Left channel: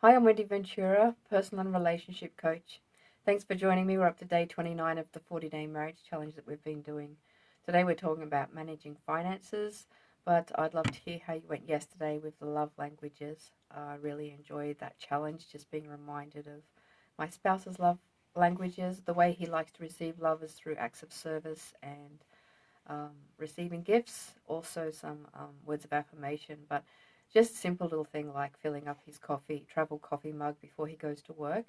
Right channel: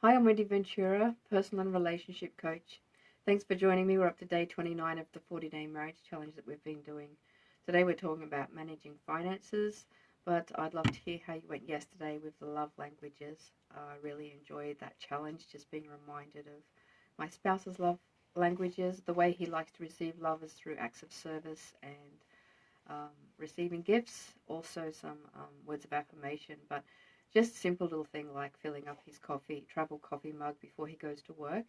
Hi, I'm Wendy Ventura, personal and relationship coach. Thanks for joining me. We're up to day 29 of the 40-day marriage challenge that we've been doing. Today we're talking about managing finances, but I'd love to hear how you went yesterday with the love languages. I really enjoyed that challenge, just being reminded of my spouse's love languages. The way he likes to receive love is through acts of service and receiving gifts, also some words of affirmation, but just a simple little thing like filling up his travel coffee mug before he goes to work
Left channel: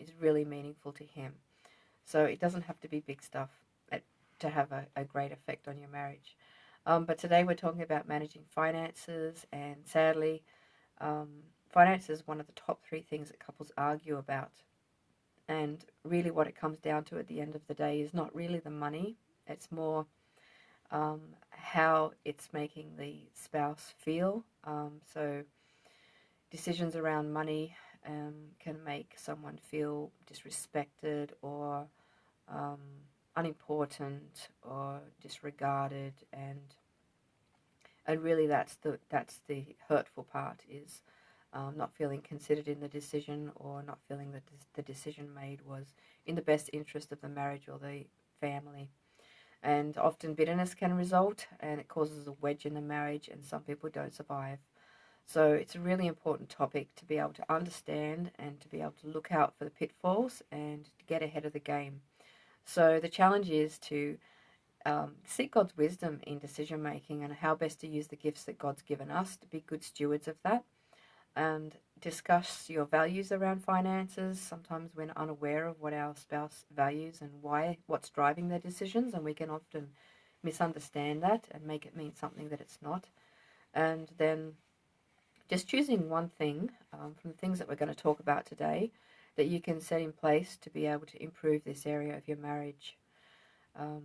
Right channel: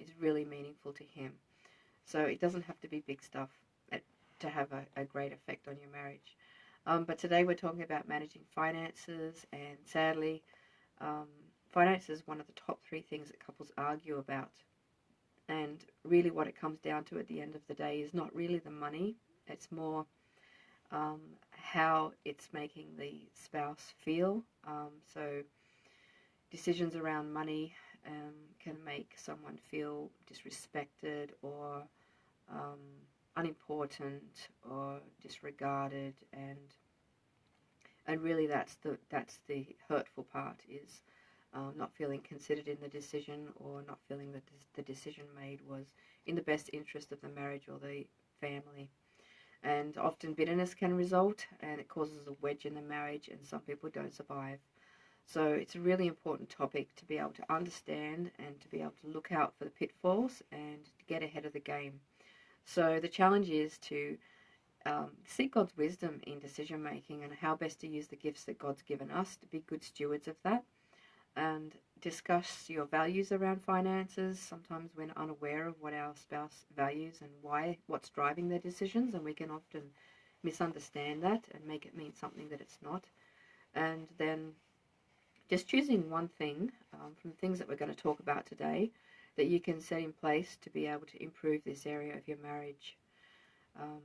is really meaningful to him. So it doesn't have to be big stuff to have a great effect on your marriage. But today we're talking about managing finances, and sadly, um, finance is one of the top three things that couples argue about. And really, what it comes down to at the end of the day is not really the money, it's more how it's making the spouse feel. So decisions around money can make someone feel disrespected or um, unimportant or disregarded, and really that's the hurtful part is not feeling considered in the decision, or not feeling that the decision made was in the best interest of the marriage or the family. And often bitterness can result, and it causes a wedge in the marriage, and some people don't survive. So it's a really important topic to be able to understand and to be able to look out for the pitfalls and to get ahead of the game. So the challenge is to seek God's wisdom in decision making and how best to use the gifts that God's given us to be good stewards of that, and discuss your values around finances. Sometimes we're unaware of what our spouse values and what's driving their decisions, and we can often misunderstand that and make it mean something that it's not. And then just choosing one thing from the things that we're going to talk about today that you can set in place to be able to improve this area of your marriage. Um,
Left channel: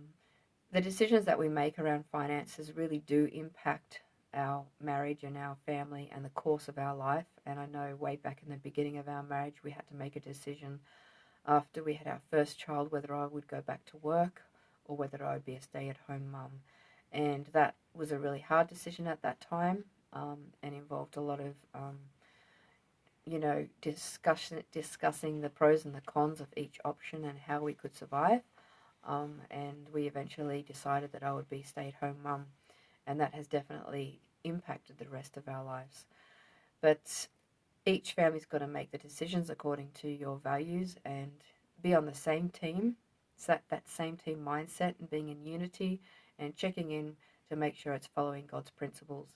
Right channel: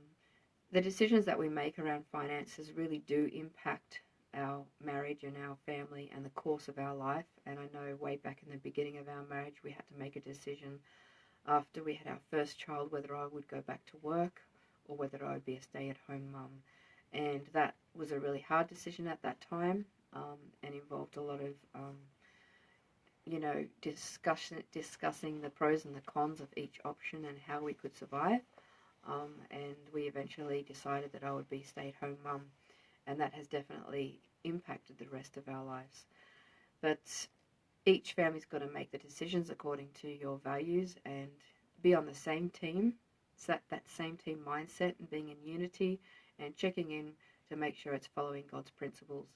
the decisions that we make around finances really do impact our marriage and our family and the course of our life. And I know way back in the beginning of our marriage, we had to make a decision after we had our first child whether I would go back to work or whether I would be a stay-at-home mum. And that was a really hard decision at that time, and involved a lot of, discussing the pros and the cons of each option and how we could survive. And we eventually decided that I would be stay-at-home mum, and that has definitely impacted the rest of our lives. But each family's got to make the decisions according to your values and be on the same team, set that same team mindset and being in unity and checking in to make sure it's following God's principles.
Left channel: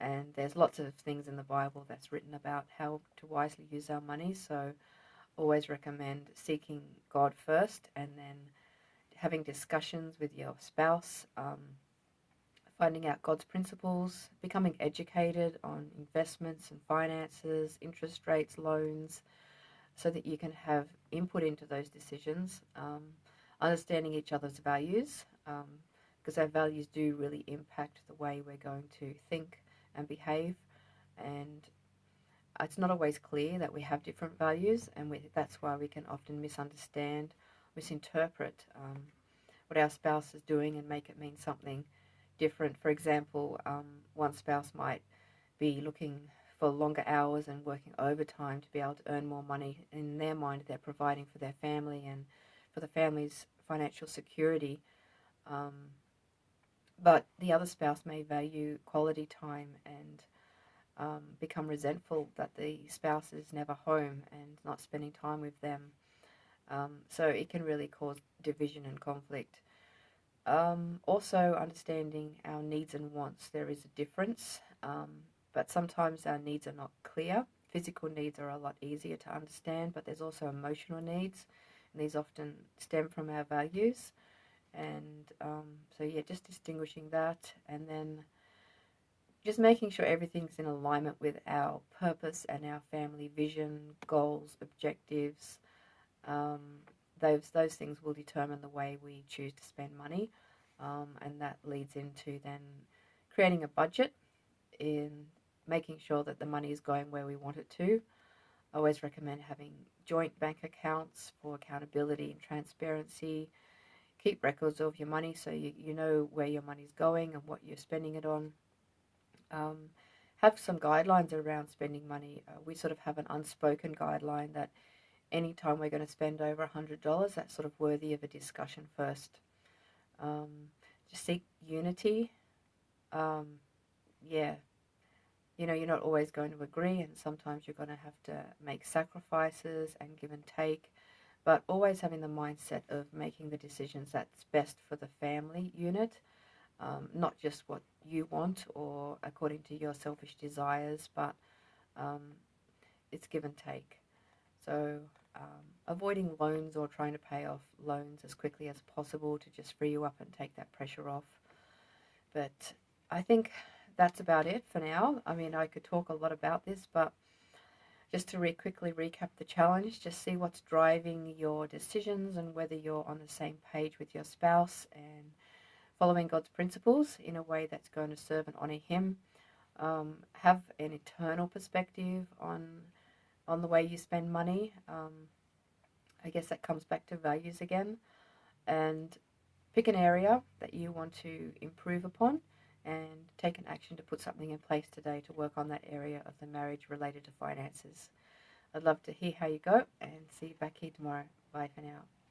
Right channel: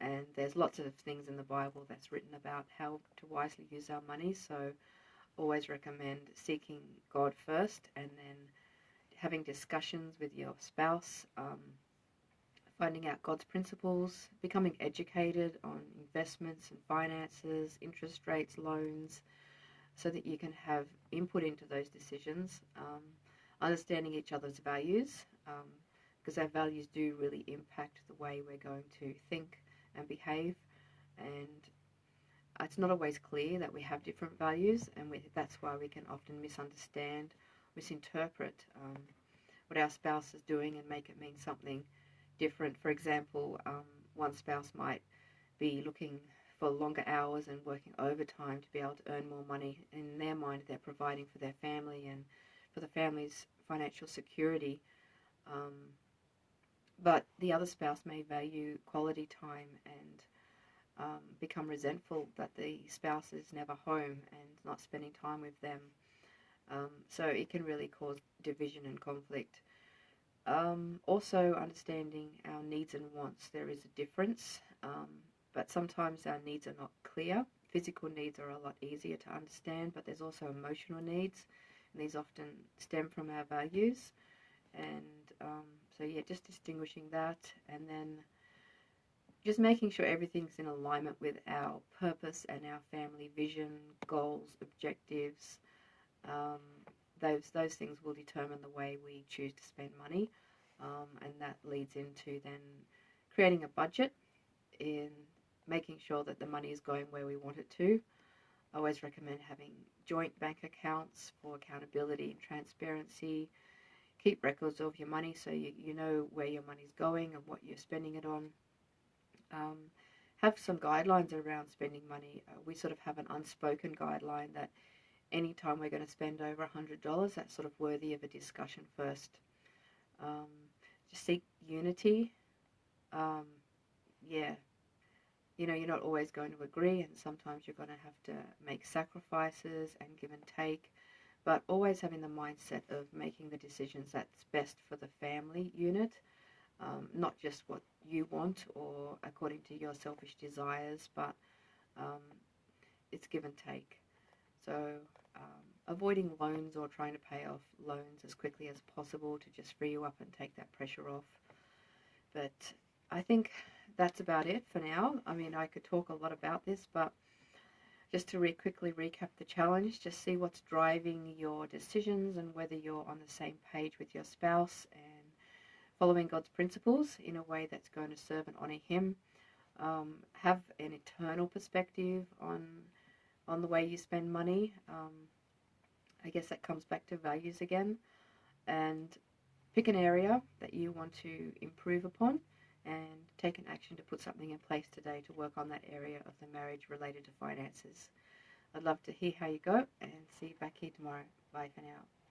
And there's lots of things in the Bible that's written about how to wisely use our money, so always recommend seeking God first and then having discussions with your spouse, finding out God's principles, becoming educated on investments and finances, interest rates, loans, so that you can have input into those decisions, understanding each other's values, because our values do really impact the way we're going to think and behave. And it's not always clear that we have different values, and that's why we can often misinterpret what our spouse is doing and make it mean something different. For example, one spouse might be looking for longer hours and working overtime to be able to earn more money. In their mind, they're providing for their family and for the family's financial security. But the other spouse may value quality time and become resentful that the spouse is never home and not spending time with them. So it can really cause division and conflict. Also, understanding our needs and wants. There is a difference, but sometimes our needs are not clear. Physical needs are a lot easier to understand, but there's also emotional needs, and these often stem from our values. And just distinguishing that, and then just making sure everything's in alignment with our purpose and our family vision, goals, objectives. Um, those things will determine the way we choose to spend money, and that leads into then creating a budget, in making sure that the money is going where we want it to. I always recommend having joint bank accounts for accountability and transparency. Keep records of your money so you know where your money's going and what you're spending it on. Um, have some guidelines around spending money. We sort of have an unspoken guideline that anytime we're going to spend over $100, that's sort of worthy of a discussion first. Just seek unity. Um, yeah, you know, you're not always going to agree, and sometimes you're going to have to make sacrifices and give and take, but always having the mindset of making the decisions that's best for the family unit, not just what you want or according to your selfish desires, but um, it's give and take. So avoiding loans or trying to pay off loans as quickly as possible to just free you up and take that pressure off. But I think that's about it for now. I mean, I could talk a lot about this, but just to quickly recap the challenge, just see what's driving your decisions and whether you're on the same page with your spouse and following God's principles in a way that's going to serve and honor Him. Have an eternal perspective on the way you spend money. I guess that comes back to values again. And pick an area that you want to improve upon and take an action to put something in place today to work on that area of the marriage related to finances. I'd love to hear how you go and see you back here tomorrow. Bye for now.